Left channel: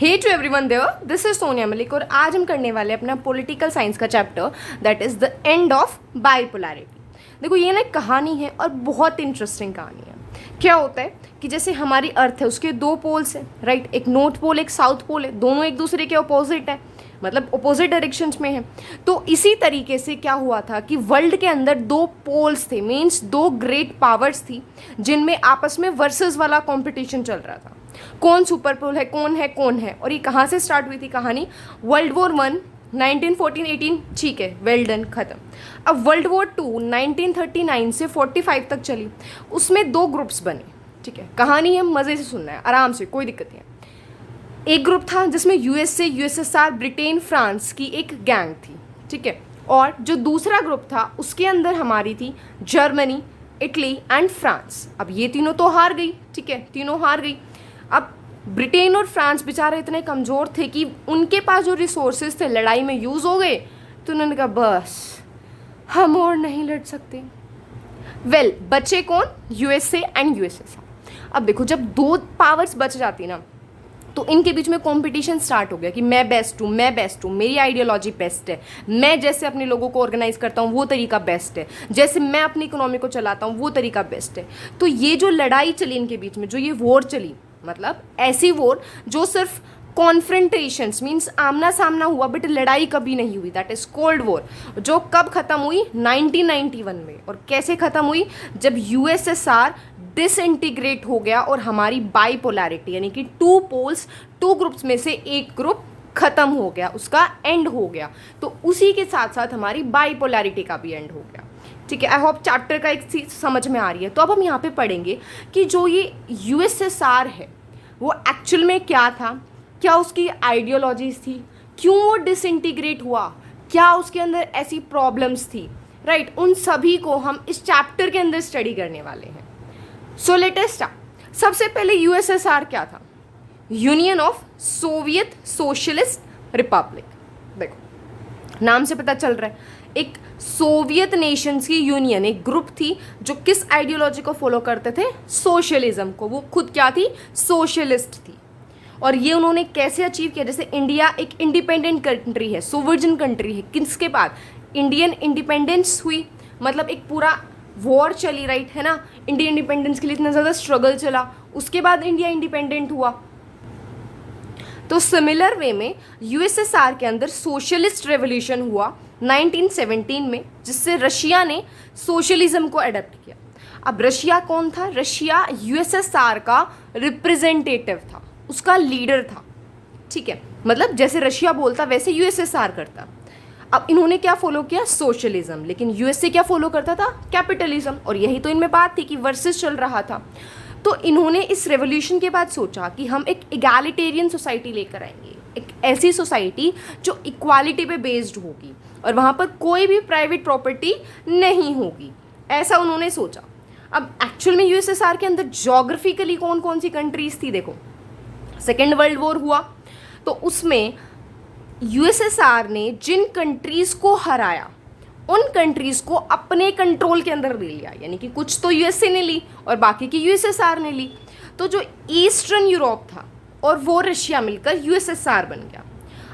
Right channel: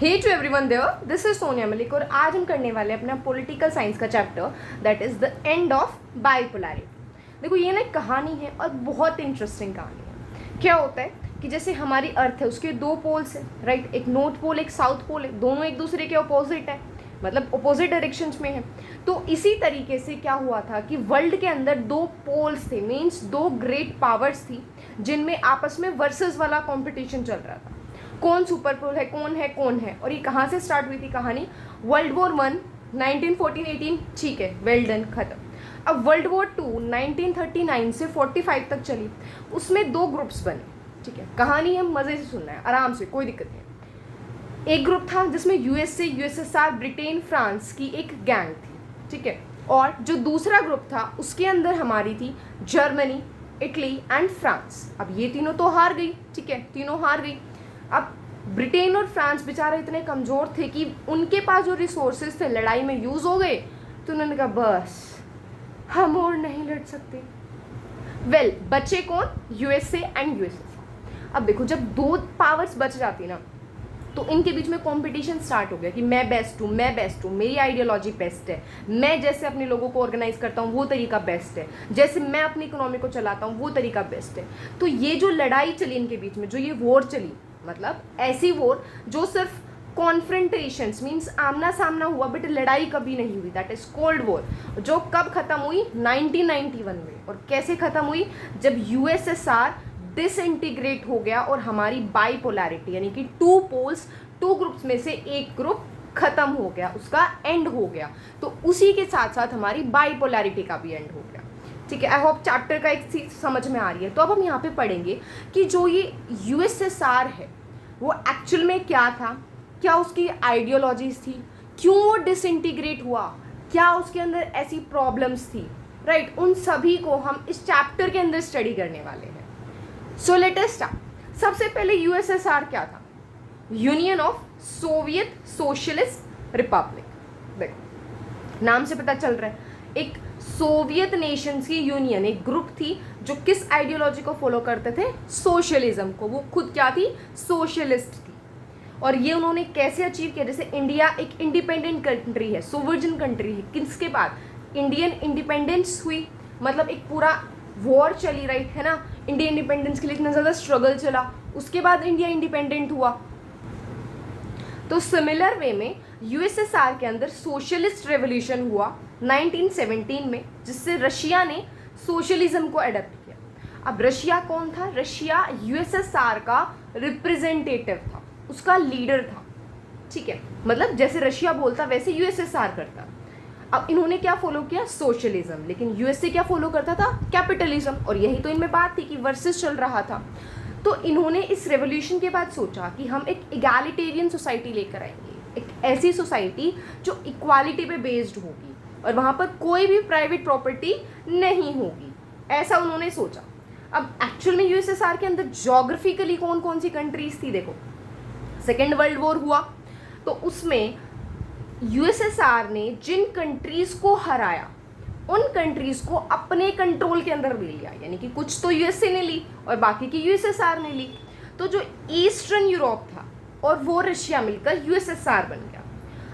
Hey to everyone there, this is Sonia Malik और आज हम करने वाले हैं अपना पॉलिटिकल साइंस का chapter that is the end of bipolarity. देखो ये ना एक कहानी है और बहुत इंटरेस्टिंग कहानी है। क्या होता है कि जैसे हमारी अर्थ है उसके दो पोल्स हैं, राइट। एक नॉर्थ पोल एक साउथ पोल है, दोनों एक दूसरे के अपोजिट है, मतलब अपोजिट डायरेक्शंस में है। तो इसी तरीके से क्या हुआ था कि वर्ल्ड के अंदर दो पोल्स थे, मीन्स दो ग्रेट पावर्स थी जिनमें आपस में वर्सेस वाला कॉम्पिटिशन चल रहा था। कौन सुपर पोल है, कौन है कौन है। और ये कहाँ से स्टार्ट हुई थी कहानी? वर्ल्ड वॉर वन 1914-18, ठीक है, वेल डन, खत्म। अब वर्ल्ड वॉर टू 1939 से 45 तक चली, उसमें दो ग्रुप्स बने, ठीक है। कहानी है, मज़े से सुनना है, आराम से, कोई दिक्कत नहीं है। एक ग्रुप था जिसमें यूएसए, यूएसएसआर, ब्रिटेन, फ्रांस की एक गैंग थी, ठीक है। और जो दूसरा ग्रुप था उसके अंदर हमारी थी जर्मनी, इटली एंड फ्रांस। अब ये तीनों तो हार गई, ठीक है, तीनों हार गई। अब ब्रिटेन और फ्रांस बेचारे इतने कमज़ोर थे कि उनके पास जो रिसोर्सेज थे लड़ाई में यूज़ हो गए, तो उन्होंने कहा बस हम और नहीं लड़ सकते। वेल बचे कौन? USA and USSR. अब देखो जब दो पावर्स बच जाती ना तो इनके बीच में कंपटीशन स्टार्ट हो गया कि मैं बेस्ट हूँ, मैं बेस्ट हूँ, मेरी आइडियोलॉजी बेस्ट है, मैं जैसे अपने लोगों को ऑर्गेनाइज करता हूँ वो तरीका बेस्ट है, जैसे मैं अपनी इकोनॉमी को चलाता हूँ वो तरीका बेस्ट है। तो ये जो लड़ाई चली इनके बीच में, जो ये वॉर चली, मतलब ऐसी वॉर जो सिर्फ कॉन्फ्रंटेशंस मीन्स आमना सामना हुआ बट लड़ाई कभी नहीं हुई, दैट इज कोल्ड वॉर, जो कब खत्म हुई? 1991 में। और कैसे खत्म हुई? जब यूएसएसआर डिसइंटीग्रेट हो गया और हमारी बाइपोलैरिटी यानी कि टू पोल्स, टू ग्रुप्स में से एक ग्रुप खत्म हो गया, उसका एंड हो गया। तो उसी के साथ साथ हमारी बाइपोलैरिटी का भी एंड हो गया, ठीक है। आई होप चैप्टर का एक चीज समझ में आ रही है। तो अब हम यहाँ पे पढ़ेंगे कि जो ये यूएसएसआर है वो एक्चुअल में क्या था, क्या उसकी आइडियोलॉजीज थी, क्यों वो डिसइंटीग्रेट हुआ, क्या उसके अंदर ऐसी प्रॉब्लम्स थी, राइट। उन सभी को हम इस चैप्टर के अंदर स्टडी करने वाले हैं। So let us start. सबसे पहले यूएसएसआर क्या था? Union of Soviet socialist Republic. देखो नाम से पता चल रहा है, एक सोवियत नेशंस की यूनियन, एक ग्रुप थी जो किस आइडियोलॉजी को फॉलो करते थे? सोशलिज्म को। वो खुद क्या थी? सोशलिस्ट थी। और ये उन्होंने कैसे अचीव किया? जैसे इंडिया एक इंडिपेंडेंट कंट्री है, सोवर्जन कंट्री है, किसके बाद? इंडियन इंडिपेंडेंस हुई, मतलब एक पूरा वॉर चली, राइट, है ना। इंडिया इंडिपेंडेंस के लिए इतना ज़्यादा स्ट्रगल चला, उसके बाद इंडिया इंडिपेंडेंट हुआ। तो सिमिलर वे में यूएसएसआर के अंदर सोशलिस्ट रेवोल्यूशन हुआ 1917 में, जिससे रशिया ने सोशलिज्म को अडॉप्ट किया। अब रशिया कौन था? रशिया यूएसएसआर का रिप्रेजेंटेटिव था, उसका लीडर था, ठीक है। मतलब जैसे रशिया बोलता वैसे यूएसएसआर करता। अब इन्होंने क्या फॉलो किया? सोशलिज्म। लेकिन यूएसए क्या फॉलो करता था? कैपिटलिज्म। और यही तो इनमें बात थी कि वर्सेस चल रहा था। तो इन्होंने इस रेवोल्यूशन के बाद सोचा कि हम एक इगैलिटेरियन सोसाइटी लेकर आएंगे, एक ऐसी सोसाइटी जो इक्वालिटी पे बेस्ड होगी और वहाँ पर कोई भी प्राइवेट प्रॉपर्टी नहीं होगी, ऐसा उन्होंने सोचा। अब एक्चुअल में यूएसएसआर के अंदर जोग्राफिकली कौन कौन सी कंट्रीज थी? देखो सेकेंड वर्ल्ड वॉर हुआ तो उसमें यूएसएसआर ने जिन कंट्रीज को हराया उन कंट्रीज को अपने कंट्रोल के अंदर ले लिया, यानी कि कुछ तो यूएसए ने ली और बाकी की यूएसएसआर ने ली। तो जो ईस्टर्न यूरोप था और वो रशिया मिलकर यूएसएसआर बन गया।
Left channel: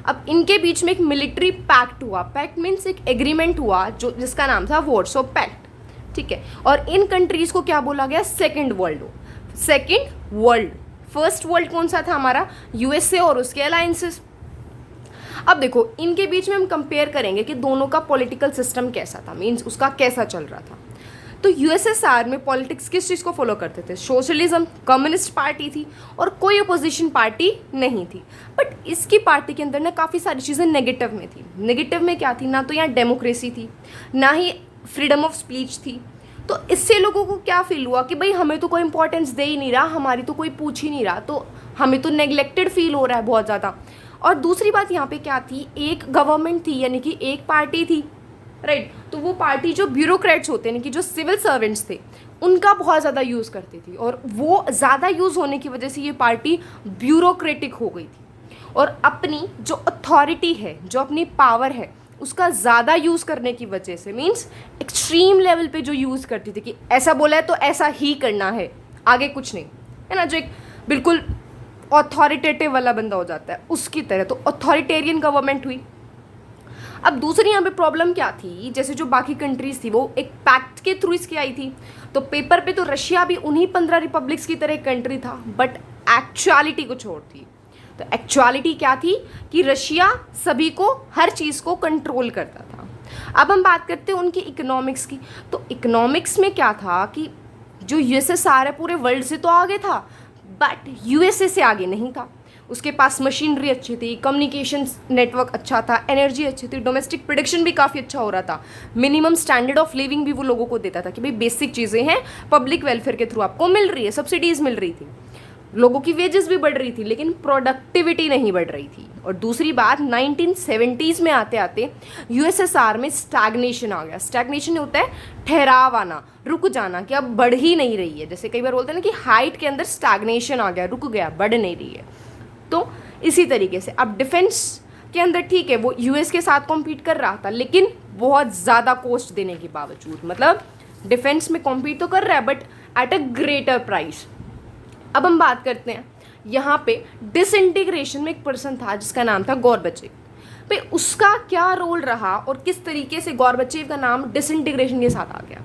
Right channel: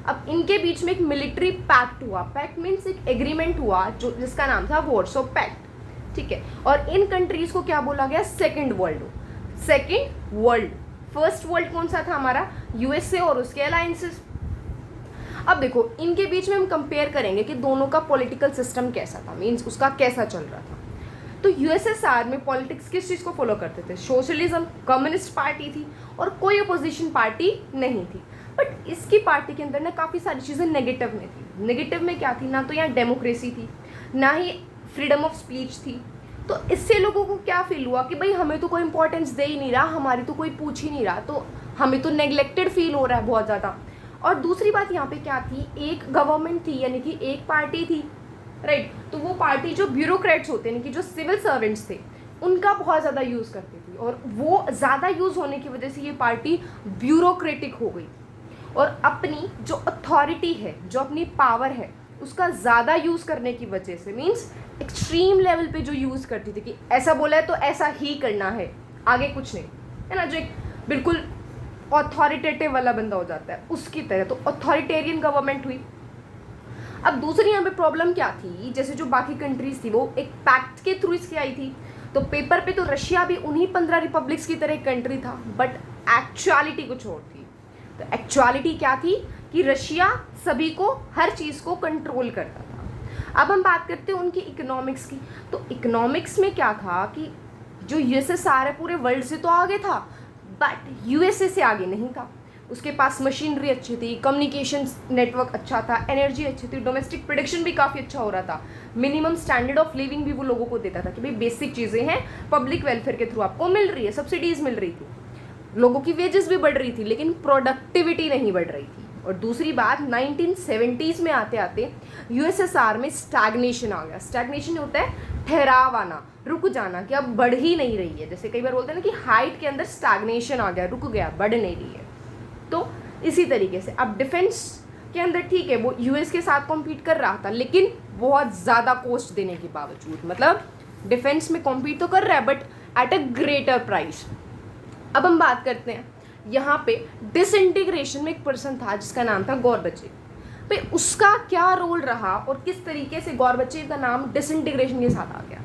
अब इनके बीच में एक मिलिट्री पैक्ट हुआ, पैक्ट मीन्स एक एग्रीमेंट हुआ जो जिसका नाम था वॉर्सो पैक्ट, ठीक है। और इन कंट्रीज को क्या बोला गया? Second world. Second world, first world कौन सा था हमारा? यूएसए और उसके अलायंसेस। अब देखो इनके बीच में हम कंपेयर करेंगे कि दोनों का पॉलिटिकल सिस्टम कैसा था, मीन्स उसका कैसा चल रहा था। तो यूएसएसआर में पॉलिटिक्स किस चीज़ को फॉलो करते थे? सोशलिज्म, कम्युनिस्ट पार्टी थी और कोई अपोजिशन पार्टी नहीं थी। बट इसकी पार्टी के अंदर ना काफ़ी सारी चीज़ें नेगेटिव में थी। नेगेटिव में क्या थी? ना तो यहाँ डेमोक्रेसी थी, ना ही फ्रीडम ऑफ स्पीच थी। तो इससे लोगों को क्या फील हुआ कि भाई हमें तो कोई इंपॉर्टेंस दे ही नहीं रहा, हमारी तो कोई पूछ ही नहीं रहा, तो हमें तो नेग्लेक्टेड फील हो रहा है बहुत ज़्यादा। और दूसरी बात यहाँ पे क्या थी? एक गवर्नमेंट थी, यानी कि एक पार्टी थी, राइट। तो वो पार्टी जो ब्यूरोक्रेट्स होते हैं, यानी कि जो सिविल सर्वेंट्स थे, उनका बहुत ज़्यादा यूज़ करती थी और वो ज़्यादा यूज़ होने की वजह से ये पार्टी ब्यूरोक्रेटिक हो गई थी और अपनी जो अथॉरिटी है, जो अपनी पावर है, उसका ज़्यादा यूज़ करने की वजह से, मीन्स एक्सट्रीम लेवल पे जो यूज़ करती थी कि ऐसा बोला है तो ऐसा ही करना है, आगे कुछ नहीं, है ना। जो एक बिल्कुल ऑथोरिटेटिव वाला बंदा हो जाता है उसकी तरह, तो ऑथोरिटेरियन गवर्नमेंट हुई। अब दूसरी यहाँ पे प्रॉब्लम क्या थी, जैसे जो बाकी कंट्रीज थी वो एक पैक्ट के थ्रू इसके आई थी, तो पेपर पे तो रशिया भी उन्हीं 15 रिपब्लिक्स की तरह एक कंट्री था, बट एक्चुअलिटी कुछ और थी। तो एक्चुअलिटी क्या थी कि रशिया सभी को, हर चीज़ को कंट्रोल करता था। अब हम बात करते हैं उनकी इकोनॉमिक्स की, तो इकोनॉमिक्स में क्या था कि जो यूएसएसआर है पूरे वर्ल्ड से तो आगे था, बट यूएसए से आगे नहीं था। उसके पास मशीनरी अच्छी थी, कम्युनिकेशन नेटवर्क अच्छा था, एनर्जी अच्छी थी, डोमेस्टिक प्रोडक्शन भी काफ़ी अच्छा हो रहा था, मिनिमम स्टैंडर्ड ऑफ लिविंग भी वो लोगों को देता था कि भाई बेसिक चीज़ें हैं, पब्लिक वेलफेयर के थ्रू आपको मिल रही है, सब्सिडीज़ मिल रही थी, लोगों की वेजेस भी बढ़ रही थी, लेकिन प्रोडक्टिविटी नहीं बढ़ रही थी। और दूसरी बात 1970s में आते आते यूएसएसआर में स्टैग्नेशन आ गया। स्टैग्नेशन होता है ठहराव आना, रुक जाना, कि अब बढ़ ही नहीं रही है। जैसे कई बार बोलते हैं ना कि हाइट के अंदर स्टैग्नेशन आ गया, रुक गया, बढ़ नहीं रही है। तो इसी तरीके से अब डिफेंस के अंदर ठीक है वो यूएस के साथ कॉम्पीट कर रहा था, लेकिन बहुत ज़्यादा कॉस्ट देने के बावजूद, मतलब डिफेंस में कॉम्पीट तो कर रहा है but at a greater price. अब हम बात करते हैं यहाँ पे डिसइंटीग्रेशन में एक पर्सन था जिसका नाम था गॉर्बचेव। भाई उसका क्या रोल रहा और किस तरीके से गॉर्बचेव का नाम डिसइंटीग्रेशन के साथ आ गया।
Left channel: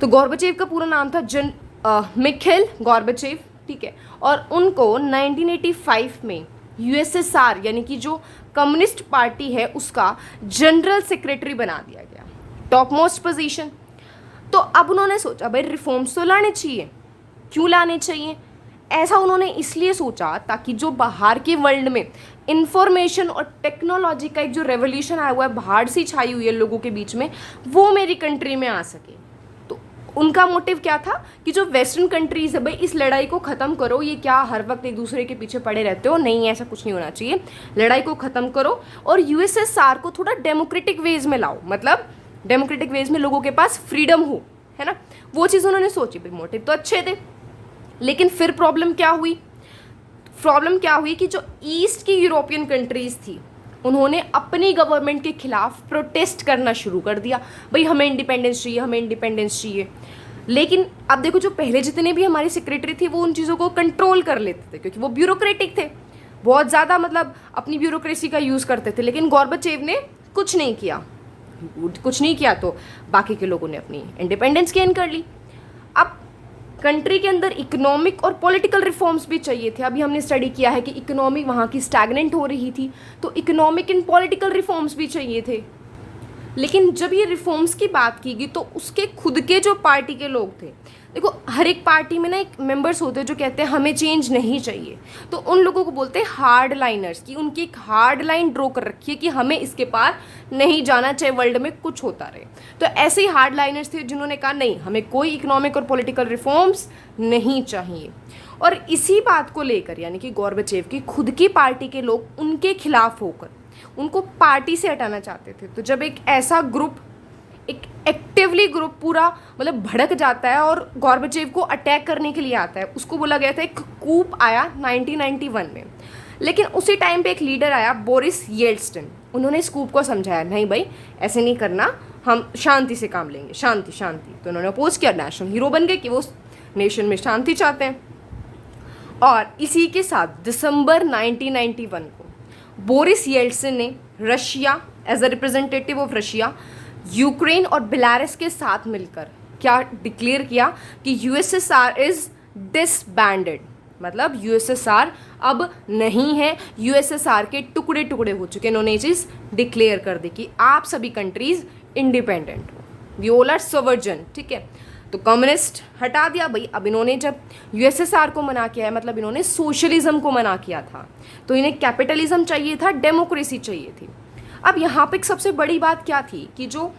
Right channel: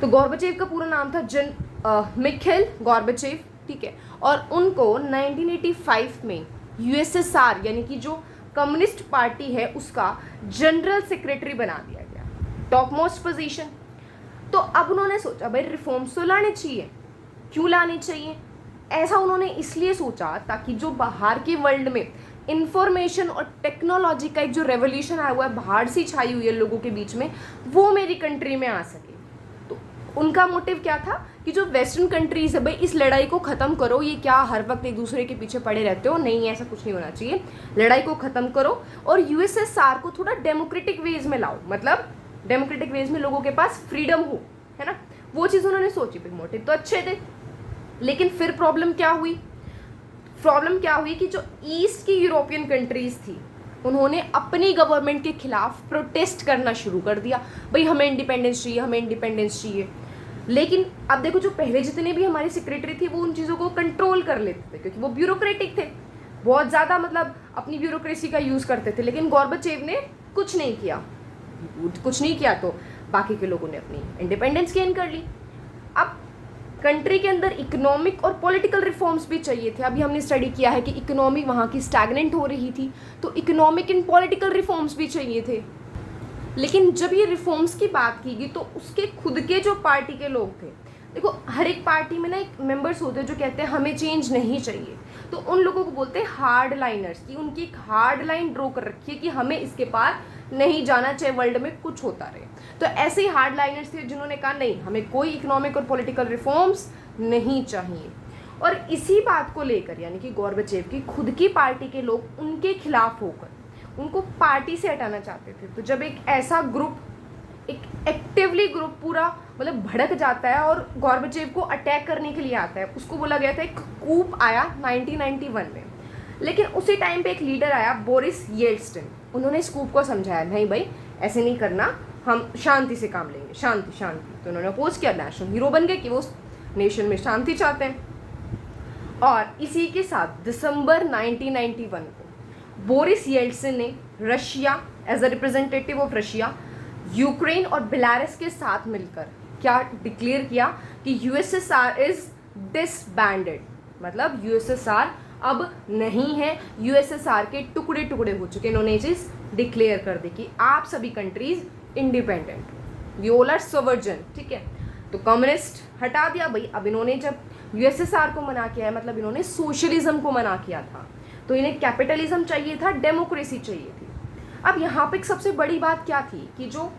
तो गॉर्बचेव का पूरा नाम था मिखाइल गॉर्बचेव, ठीक है, और उनको 1985 में यूएसएसआर यानी कि जो कम्युनिस्ट पार्टी है उसका जनरल सेक्रेटरी बना दिया गया, टॉप मोस्ट पोजीशन। तो अब उन्होंने सोचा भाई रिफॉर्म्स तो लाने चाहिए, क्यों लाने चाहिए, ऐसा उन्होंने इसलिए सोचा ताकि जो बाहर के वर्ल्ड में इंफॉर्मेशन और टेक्नोलॉजी का एक जो रेवोल्यूशन आया हुआ है, बाहर से छाई हुई है लोगों के बीच में, वो मेरी कंट्री में आ सके। तो उनका मोटिव क्या था कि जो वेस्टर्न कंट्रीज है भाई इस लड़ाई को ख़त्म करो, ये क्या हर वक्त एक दूसरे के पीछे पड़े रहते हो, नहीं ऐसा कुछ नहीं होना चाहिए, लड़ाई को ख़त्म करो और यूएसएसआर को थोड़ा डेमोक्रेटिक वेज में लाओ, मतलब डेमोक्रेटिक वेज में लोगों के पास फ्रीडम हो, है ना, वो चीज़ उन्होंने सोची। भाई मोटिव तो अच्छे थे, लेकिन फिर प्रॉब्लम क्या हुई कि जो ईस्ट की यूरोपियन कंट्रीज़ थी उन्होंने अपनी गवर्नमेंट के खिलाफ प्रोटेस्ट करना शुरू कर दिया, भाई हमें इंडिपेंडेंस चाहिए, हमें इंडिपेंडेंस चाहिए। लेकिन अब देखो जो पहले जितने भी हमारी सेक्रेटरी थी वो उन चीज़ों को कंट्रोल कर लेते थे क्योंकि वो ब्यूरोक्रेटिक थे, बहुत ज़्यादा मतलब अपनी ब्यूरोक्रेसी का यूज़ करते थे। लेकिन गॉर्बचेव ने कुछ नहीं किया तो बाकी के लोगों ने अपनी इंडिपेंडेंस गेन कर ली। अब कंट्री के अंदर इकोनॉमिक और पॉलिटिकल रिफॉर्म्स भी चाहिए थे। अभी हमने स्टडी किया है कि इकोनॉमी वहाँ की स्टैग्नेंट हो रही थी, तो इकोनॉमिक एंड पॉलिटिकल रिफॉर्म्स भी चाहिए थे। लेकिन जब ये रिफॉर्म्स की बात की गई तो उसके खुद के जो पार्टी के लोग थे, देखो हर एक पार्टी में ना एक मेंबर्स होते हैं जो कहते हैं हमें चेंज नहीं चाहिए, तो उन लोगों को बोलते हैं हार्ड लाइनर्स, कि उनकी एक हार्ड लाइन ड्रॉ कर रखी है कि हमें इसके पार नहीं जाना चाहे वर्ल्ड में कुछ होता रहे। तो ऐसे ही हार्ड लाइनर्स थे जिन्होंने कहा नहीं, हमें कोई इकोनॉमिक और पॉलिटिकल रिफॉर्म्स नहीं चाहिए। और इसी बात को लेकर यानी कि गॉर्बचेव की खुद की पार्टी के लोग उनके खिलाफ होकर उनको पार्टी से हटाना चाहते थे। तो जब एक ऐसा ग्रुप, एक एक्टिवली ग्रुप पूरा मतलब भड़क जाता है और गॉर्बचेव को अटैक करने के लिए आता है, उसको बोला गया था एक कूप आया 1991 में। लेकिन उसी टाइम पे एक लीडर आया बोरिस येल्टसिन, उन्होंने इस कूप को समझाया नहीं भाई ऐसे नहीं करना, हम शांति से काम लेंगे, शांति शांति। तो उन्होंने अपोज किया, नेशनल हीरो बन गए कि वो नेशन में शांति चाहते हैं। और इसी के साथ दिसंबर 1991 को बोरिस येल्टसिन ने Russia as a representative of Russia, Ukraine और बेलारूस के साथ मिलकर क्या डिक्लेयर किया कि यूएसएसआर इज डिसबैंडेड, मतलब यूएसएसआर अब नहीं है, यूएसएसआर के टुकड़े टुकड़े हो चुके। इन्होंने ये चीज़ डिक्लेयर कर दी कि आप सभी कंट्रीज इंडिपेंडेंट हो, वी ऑल आर सोवर्जन, ठीक है। तो कम्युनिस्ट हटा दिया भाई। अब इन्होंने जब यूएसएसआर को मना किया है मतलब इन्होंने सोशलिज्म को मना किया था, तो इन्हें कैपिटलिज्म चाहिए था, डेमोक्रेसी चाहिए थी। अब यहाँ पे एक सबसे बड़ी बात क्या थी कि जो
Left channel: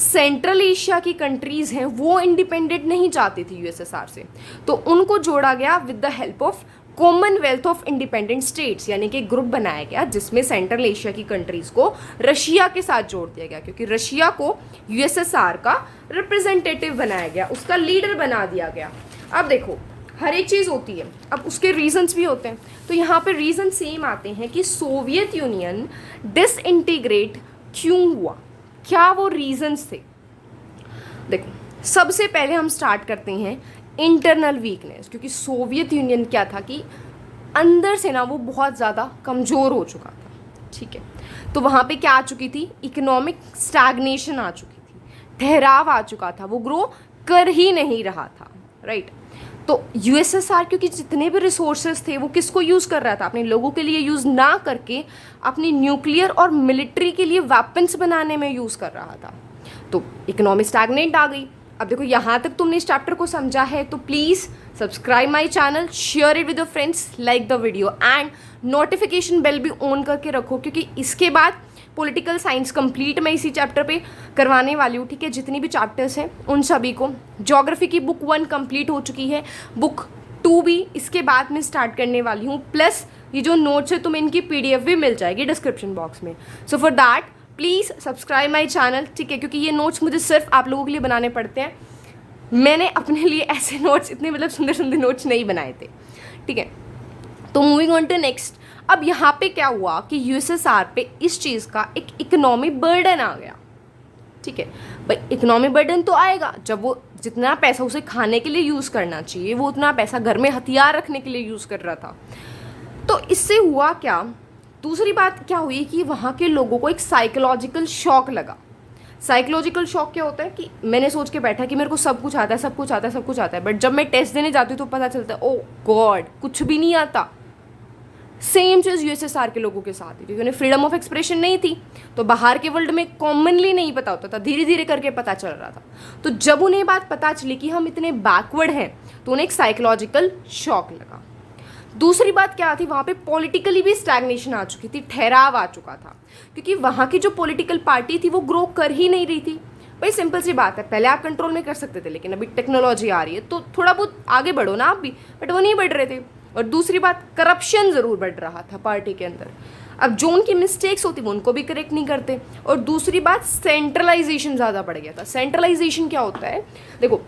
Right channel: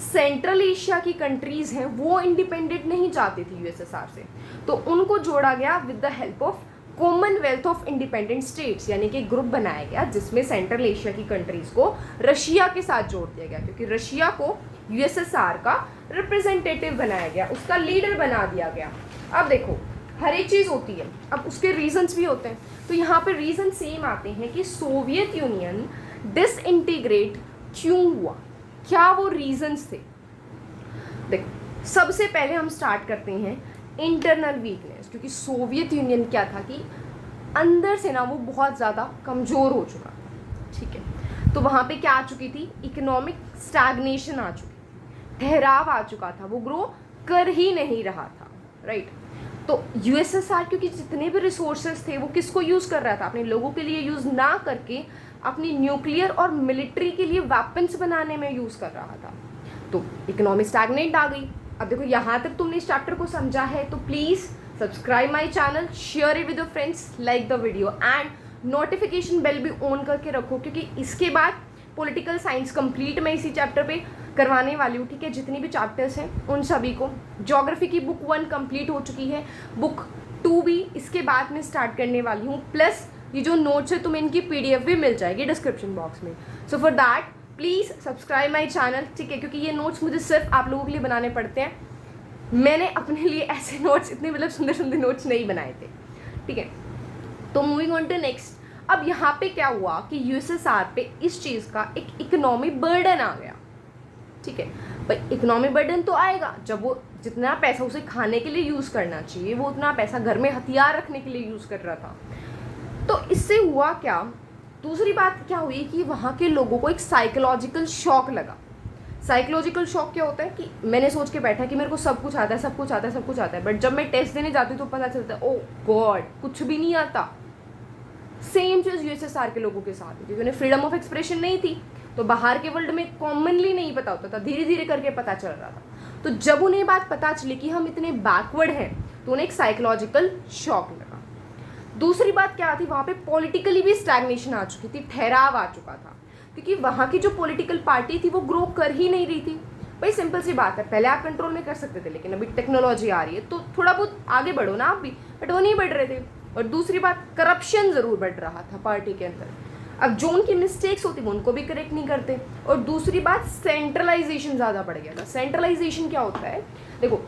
सेंट्रल एशिया की कंट्रीज़ हैं वो इंडिपेंडेंट नहीं चाहती थी यूएसएसआर से, तो उनको जोड़ा गया with the help of Commonwealth of independent states, यानी कि ग्रुप बनाया गया जिसमें सेंट्रल एशिया की कंट्रीज़ को रशिया के साथ जोड़ दिया गया, क्योंकि रशिया को यूएसएसआर का रिप्रेजेंटेटिव बनाया गया, उसका लीडर बना दिया गया। अब देखो हर एक चीज़ होती है, अब उसके रीजंस भी होते हैं, तो यहाँ पे रीजन सेम आते हैं कि सोवियत यूनियन डिसइंटीग्रेट क्यों हुआ, क्या वो रीजंस थे। देखो सबसे पहले हम स्टार्ट करते हैं इंटरनल वीकनेस, क्योंकि सोवियत यूनियन क्या था कि अंदर से ना वो बहुत ज़्यादा कमज़ोर हो चुका था, ठीक है। तो वहाँ पे क्या आ चुकी थी, इकोनॉमिक स्टैग्नेशन आ चुकी थी, ठहराव आ चुका था, वो ग्रो कर ही नहीं रहा था, राइट। तो यूएसएसआर क्योंकि जितने भी रिसोर्सेज थे वो किसको यूज़ कर रहा था, अपने लोगों के लिए यूज़ ना करके अपनी न्यूक्लियर और मिलिट्री के लिए वेपन्स बनाने में यूज़ कर रहा था। तो इकोनॉमी स्टैग्नेंट आ गई। अब देखो यहाँ तक तुमने इस चैप्टर को समझा है तो please subscribe my channel, share it with your friends, like the video and notification bell भी ऑन करके रखो, क्योंकि इसके बाद पॉलिटिकल साइंस कंप्लीट मैं इसी चैप्टर पे करवाने वाली हूँ, ठीक है। जितनी भी चैप्टर्स हैं उन सभी को, ज्योग्राफी की बुक 1 कंप्लीट हो चुकी है, बुक 2 भी इसके बाद में स्टार्ट करने वाली हूँ, प्लस ये जो नोट्स है तुम्हें इनकी PDF भी मिल जाएगी डिस्क्रिप्शन बॉक्स में। So for that please subscribe my channel, ठीक है, क्योंकि ये नोट्स मुझे सिर्फ आप लोगों के लिए बनाने पड़ते हैं। मैंने अपने लिए ऐसे नोट्स, इतने मतलब सुंदर सुंदर नोट्स नहीं बनाए थे, ठीक है। तो मूविंग ऑन टू नेक्स्ट, अब यहाँ पे क्या हुआ कि यूएसएसआर पे इस चीज़ का एक इकोनॉमी बर्डन आ गया, ठीक है। भाई इकोनॉमी बर्डन तो आएगा जब वो जितना पैसा उसे खाने के लिए यूज़ करना चाहिए वो उतना पैसा घर में हथियार रखने के लिए यूज़ कर रहा था। तो इससे हुआ क्या, दूसरी बात क्या हुई कि वहाँ के लोगों को एक साइकोलॉजिकल शॉक लगा। साइकोलॉजिकल शॉक क्या होता है कि मैंने सोच के बैठा कि मेरे को सब कुछ आता है, सब कुछ आता है, सब कुछ आता है, बट जब मैं टेस्ट देने जाती हूँ तो पता चलता है ओ गॉड कुछ भी नहीं आता। सेम चीज़ यूएसएसआर के लोगों के साथ है, क्योंकि उन्हें फ्रीडम ऑफ एक्सप्रेशन नहीं थी, तो बाहर के वर्ल्ड में कॉमनली नहीं पता होता था, धीरे धीरे करके पता चल रहा था। तो जब उन्हें बात पता चली कि हम इतने बैकवर्ड हैं तो उन्हें एक साइकोलॉजिकल शॉक लगा। दूसरी बात क्या थी, वहाँ पे पॉलिटिकली भी स्टैग्नेशन आ चुकी थी, ठहराव आ चुका था, क्योंकि वहाँ की जो पॉलिटिकल पार्टी थी वो ग्रो कर ही नहीं रही थी। भाई सिंपल सी बात है, पहले आप कंट्रोल में कर सकते थे, लेकिन अभी टेक्नोलॉजी आ रही है तो थोड़ा बहुत आगे बढ़ो ना आप भी, बट वो नहीं बढ़ रहे थे। और दूसरी बात, करप्शन ज़रूर बढ़ रहा था पार्टी के अंदर। अब जो उनकी मिस्टेक्स होती वो उनको भी करेक्ट नहीं करते। और दूसरी बात, सेंट्रलाइजेशन ज़्यादा बढ़ गया था। सेंट्रलाइजेशन क्या होता है, देखो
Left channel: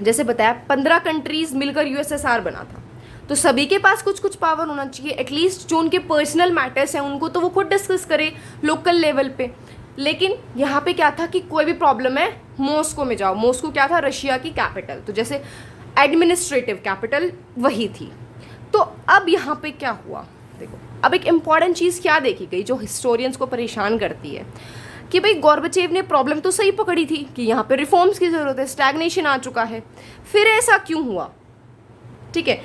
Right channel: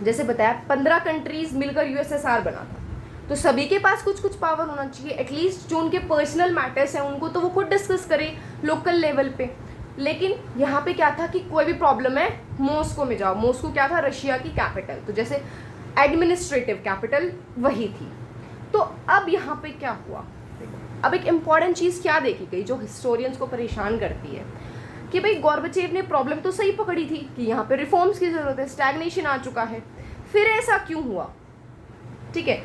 जैसे बताया 15 कंट्रीज मिलकर यूएसएसआर बना था, तो सभी के पास कुछ कुछ पावर होना चाहिए, एटलीस्ट जो उनके पर्सनल मैटर्स हैं उनको तो वो खुद डिस्कस करें लोकल लेवल पे। लेकिन यहाँ पे क्या था कि कोई भी प्रॉब्लम है मॉस्को में जाओ, मॉस्को क्या था, रशिया की कैपिटल, तो जैसे एडमिनिस्ट्रेटिव कैपिटल वही थी। तो अब यहाँ पे क्या हुआ, देखो अब एक इम्पॉर्टेंट चीज़ क्या देखी गई जो हिस्टोरियंस को परेशान करती है कि भाई गोर्बाचेव ने प्रॉब्लम तो सही पकड़ी थी कि यहाँ पे रिफॉर्म्स की ज़रूरत है, स्टैग्नेशन आ चुका है, फिर ऐसा क्यों हुआ, ठीक है।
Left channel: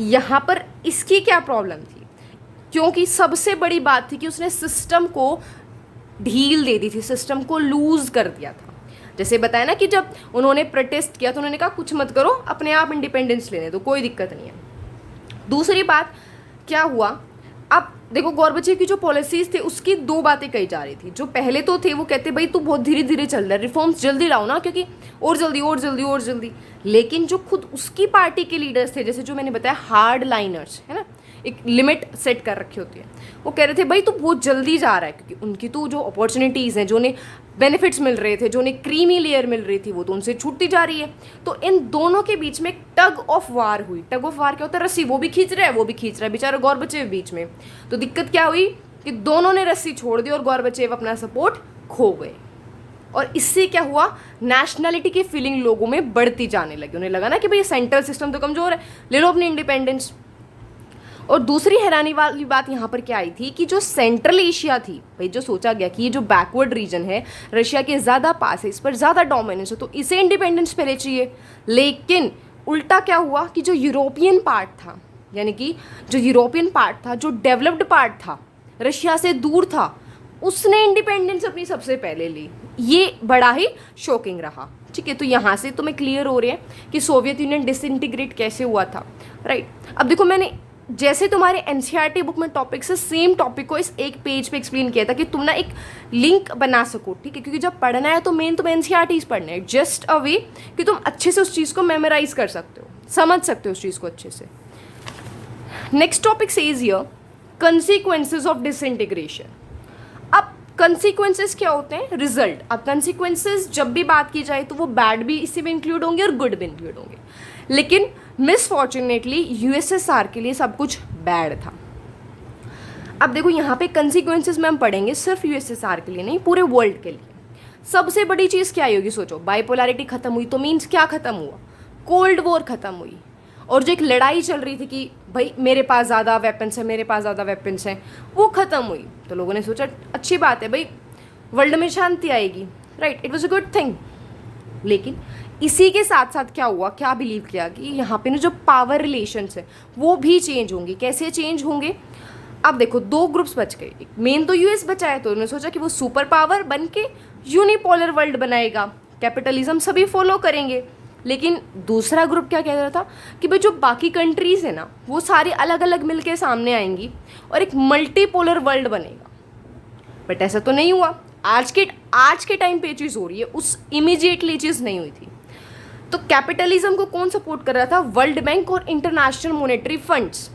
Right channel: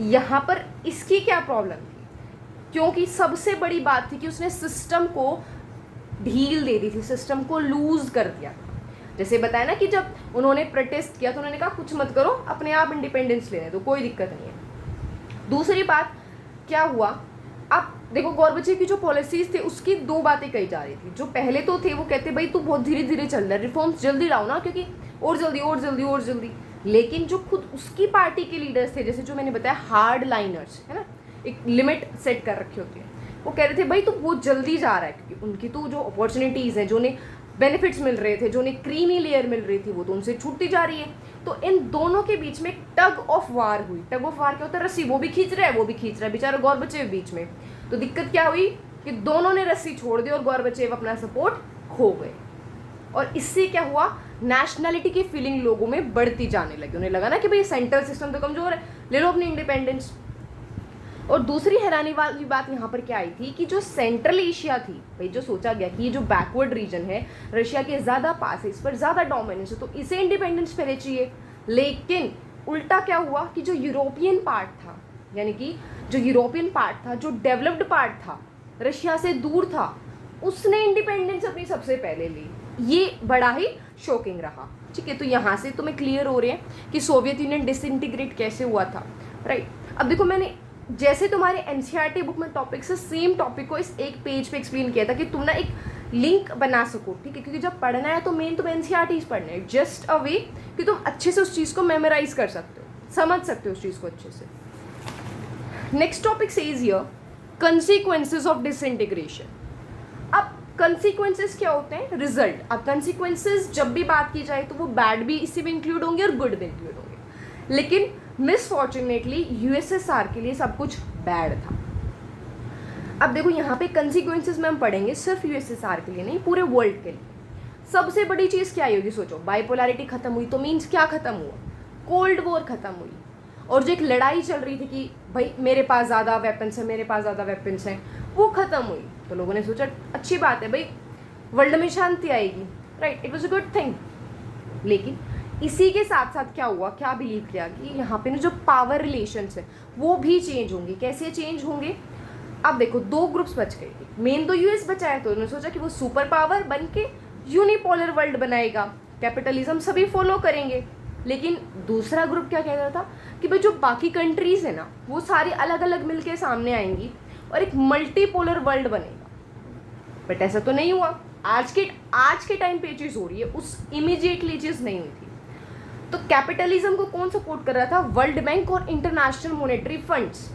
यहाँ पर इसकी क्या प्रॉब्लम थी, क्योंकि सबसे बड़ी बात थी कि उसने सिस्टम को ढील दे दी थी, सिस्टम को लूज कर दिया था। जैसे बताया ना कि जब उन्होंने प्रोटेस्ट किया तो उन्होंने कहा कुछ मत करो, अपने आप इंडिपेंडेंस लेने दो, कोई दिक्कत नहीं है। दूसरी बात क्या हुआ, अब देखो गोर्बाचेव की जो पॉलिसीज थे उसकी 2 बातें कही जा रही थी। जो पहले तो थे वो कहते भाई तू बहुत धीरे धीरे चल रहा है, रिफॉर्म्स जल्दी लाओ ना, क्योंकि और जल्दी और जल्दी और जल्दी। लेकिन जो खुद उसकी पार्टी के लीडर्स थे, जैसे जो मैंने बताया हार्ड लाइनर्स है ना, एक लिमिट सेट कर रखी होती है, वो कह रहे थे भाई तू बहुत जल्दी जा रहा है, क्योंकि उनकी तो जो अपॉर्चुनिटीज़ हैं, जो उन्हें बेनिफिट्स मिल रहे थे, जो उन्हें क्रीमी लेयर मिल रही थी, वो तो उनसे छूटती जा रही है। तो इन दोनों के बीच में टग ऑफ वार हुई। टग ऑफ वार क्या होता है, रस्सी वो भी खींच रहा है वो भी खींच रहा है, बेचारा गोर्बाचेव बीच में। तो दिक्कत क्या हुई कि दोनों ने रस्सी छोड़ दी और गोर्बाचेव अपना सपोर्ट खो गए। और इससे क्या हुआ, नेशनलिटी की फीलिंग लोगों में बढ़ती जाने लगी। उन्हें लगा ना कि भाई सेंट्रल सिस्टम तो कमज़ोर है, ले लो अपनी इंडिपेंडेंस। और दूसरी हैरानी वाली बात यहाँ पर क्या आई थी कि जो सेंट्रल एशिया थी, भाई जो सोचा गया कि ये जो बैकवर्ड रीजन है रशिया के ज़्यादा पास है, इस पर ज़्यादा डोमिनेंस है, तो इसे इंडिपेंडेंस पहले चाहिए। लेकिन उल्टा क्या हुआ कि जो यूरोपियन पार्ट था, यानी कि जो यूरोपियन पार्ट था, जो डेवलप्ड पार्ट था, रशिया से दूर था, उसने इंडिपेंडेंस अपनी सबसे पहले ली। ये बड़ा ही शॉकिंग रहा, ठीक है। तो यहाँ से तुम्हें क्लियर हो रहे हैं कि सोवियत यूनियन डिसइंटीग्रेट कैसे हुआ था, राइट। अब देखो मैंने जैसे तुम्हारे एनसीईआरटी बुक में टॉपिक से सेम टॉपिक को इस एक पेज पे एक्सप्लेन किया था कि तुम ना एक लिंक बना सको, ठीक है, क्योंकि जब पढ़ना है तो मेन तुम्हें एनसीईआरटीज पढ़ने हैं, जस्ट अ वे कि तुम अच्छे से उस चीज़ को मेमोराइज कर सकते हो, समझ सकते हो उस चीज़ को अच्छे से। Next topic says here consequences of disintegration. अब कंसीक्वेंसेज क्या होते हैं, रिजल्ट। अब कंसीक्वेंसेज जब भी बात की जाए तो वो बैड भी इसी में इंक्लूड होंगे और गुड भी इंक्लूड होंगे, लेकिन मिसफॉर्चुनेटली यूएसएसआर के लिए सब कुछ बैड था। अब देखो यहाँ पे कंसीक्वेंसेस में हम पढ़ेंगे सिर्फ यूएसएसआर के लिए नहीं, पूरे वर्ल्ड के लिए। सबसे बड़ी चीज़ क्या होगी, सोचो, बाइपोलैरिटी खत्म हुई तो मीन्स क्या खत्म हुआ, कोल्ड वॉर खत्म हुई। और जो एक लड़ाई चल रही थी कि भाई मेरे पास ज़्यादा वेपन्स है, मेरे पास ज़्यादा वेपन्स हैं, वो ख़त्म हुई। तो लोगों ने सोचा अच्छी बात है भाई, वर्ल्ड में शांति आएगी, right, it was a good thing. लेकिन इसी के साथ साथ क्या हुआ, क्या बिलीव किया कि यहाँ पे ना जो पावर रिलेशंस है वो भी चेंज होंगे। कैसे चेंज होंगे? अब देखो, दो ग्रुप्स बच गए। मेन तो यूएस बचा है, तो उन्होंने सोचा कि वो सुपर पावर बन के यूनिपोलर वर्ल्ड बनाएगा, कैपिटलिज्म सभी फॉलो करेंगे। लेकिन दूसरा ग्रुप क्या कह रहा था कि भाई जो बाकी कंट्रीज है ना वो सारी अलग अलग मिलके सामने आएंगी और एक मल्टीपोलर वर्ल्ड बनेगा। बट ऐसा तो नहीं हुआ। आज के टाइम पे चीज़ हो रही है, उस इमीडिएटली चीज़ नहीं हुई थी। तो कैपिटलिज्म को कौन सपोर्ट कर रहा था? वर्ल्ड बैंक और इंटरनेशनल मॉनेटरी फंड्स,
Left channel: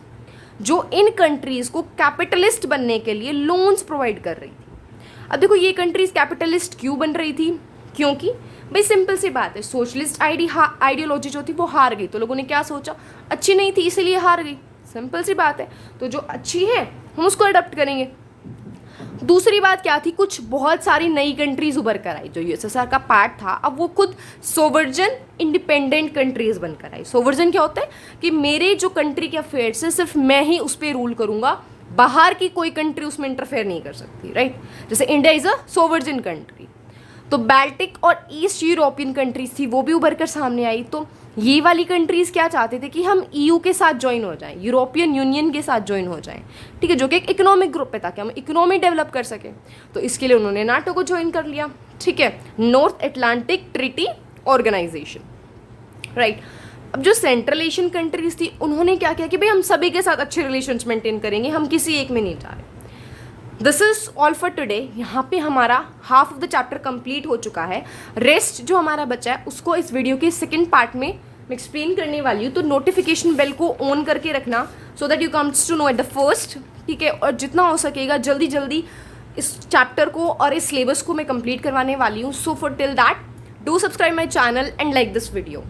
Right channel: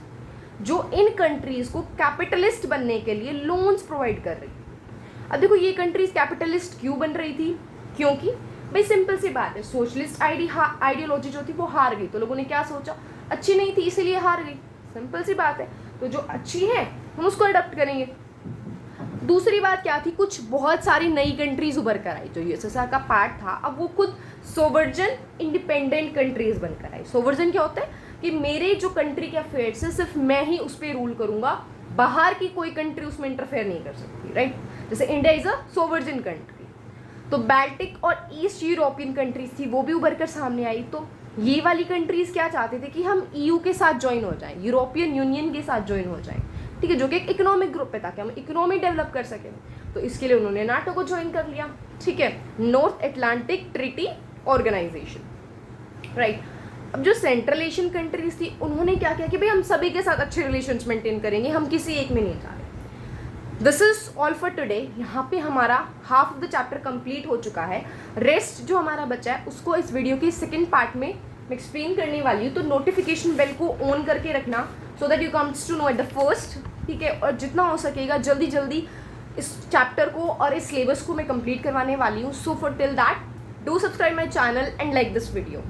जो इन कंट्रीज को कैपिटलिस्ट बनने के लिए लोन्स प्रोवाइड कर रही थी। अब देखो, ये कंट्रीज कैपिटलिस्ट क्यों बन रही थी? क्योंकि भाई सिंपल सी बात है, सोशलिस्ट आइडियोलॉजी जो थी वो हार गई। तो लोगों ने क्या सोचा, अच्छी नहीं थी इसलिए हार गई। सिंपल सी बात है, तो जो अच्छी है हम उसको अडॉप्ट करेंगे। दूसरी बात क्या थी, कुछ बहुत सारी नई कंट्रीज उभर कर आई जो यूएसएसआर का पार्ट था। अब वो खुद सोवर्जन इंडिपेंडेंट कंट्रीज बनकर आई। सोवर्जन क्या होता है कि मेरे जो कंट्री के अफेयर्स है सिर्फ मैं ही उस पर रूल करूंगा, बाहर की कोई कंट्री उसमें इंटरफेयर नहीं कर सकती, राइट। जैसे इंडिया इज अ सोवर्जन कंट्री। तो बाल्टिक और ईस्ट यूरोपियन कंट्रीज थी, वो भी उभर कर सामने आई। तो ये वाली कंट्रीज क्या चाहते थे कि हम ईयू के साथ ज्वाइन हो जाएं, यूरोपियन यूनियन के साथ ज्वाइन हो जाएं, ठीक है, जो कि एक इकोनॉमिक ग्रुप पे था कि हम इकोनॉमी डेवलप कर सकें। तो इसके लिए उन्होंने नाटो को ज्वाइन कर लिया, ठीक है, North Atlantic Treaty Organization, right. अब जो सेंट्रल एशियन कंट्रीज थी उन्होंने क्या किया कि भाई हम सभी के साथ अच्छे रिलेशंस मेंटेन करेंगे, हम किसी एक में नहीं जा रहे। This is all for today. यहाँ पे हमारा half of the chapter complete हो चुका है। रेस्ट जो हमारा बचा है उसको इस वीडियो के सेकंड पार्ट में मैं एक्सप्लेन करने वाली हूँ। तो नोटिफिकेशन बेल को ऑन करके रखना so that you comes to know at the first, ठीक है। और जितना हो सकेगा जल्दी जल्दी इस चैप्टर को और इस सिलेबस को मैं कंप्लीट करवाने वाली हूँ। So for till that do subscribe my channel and like this video.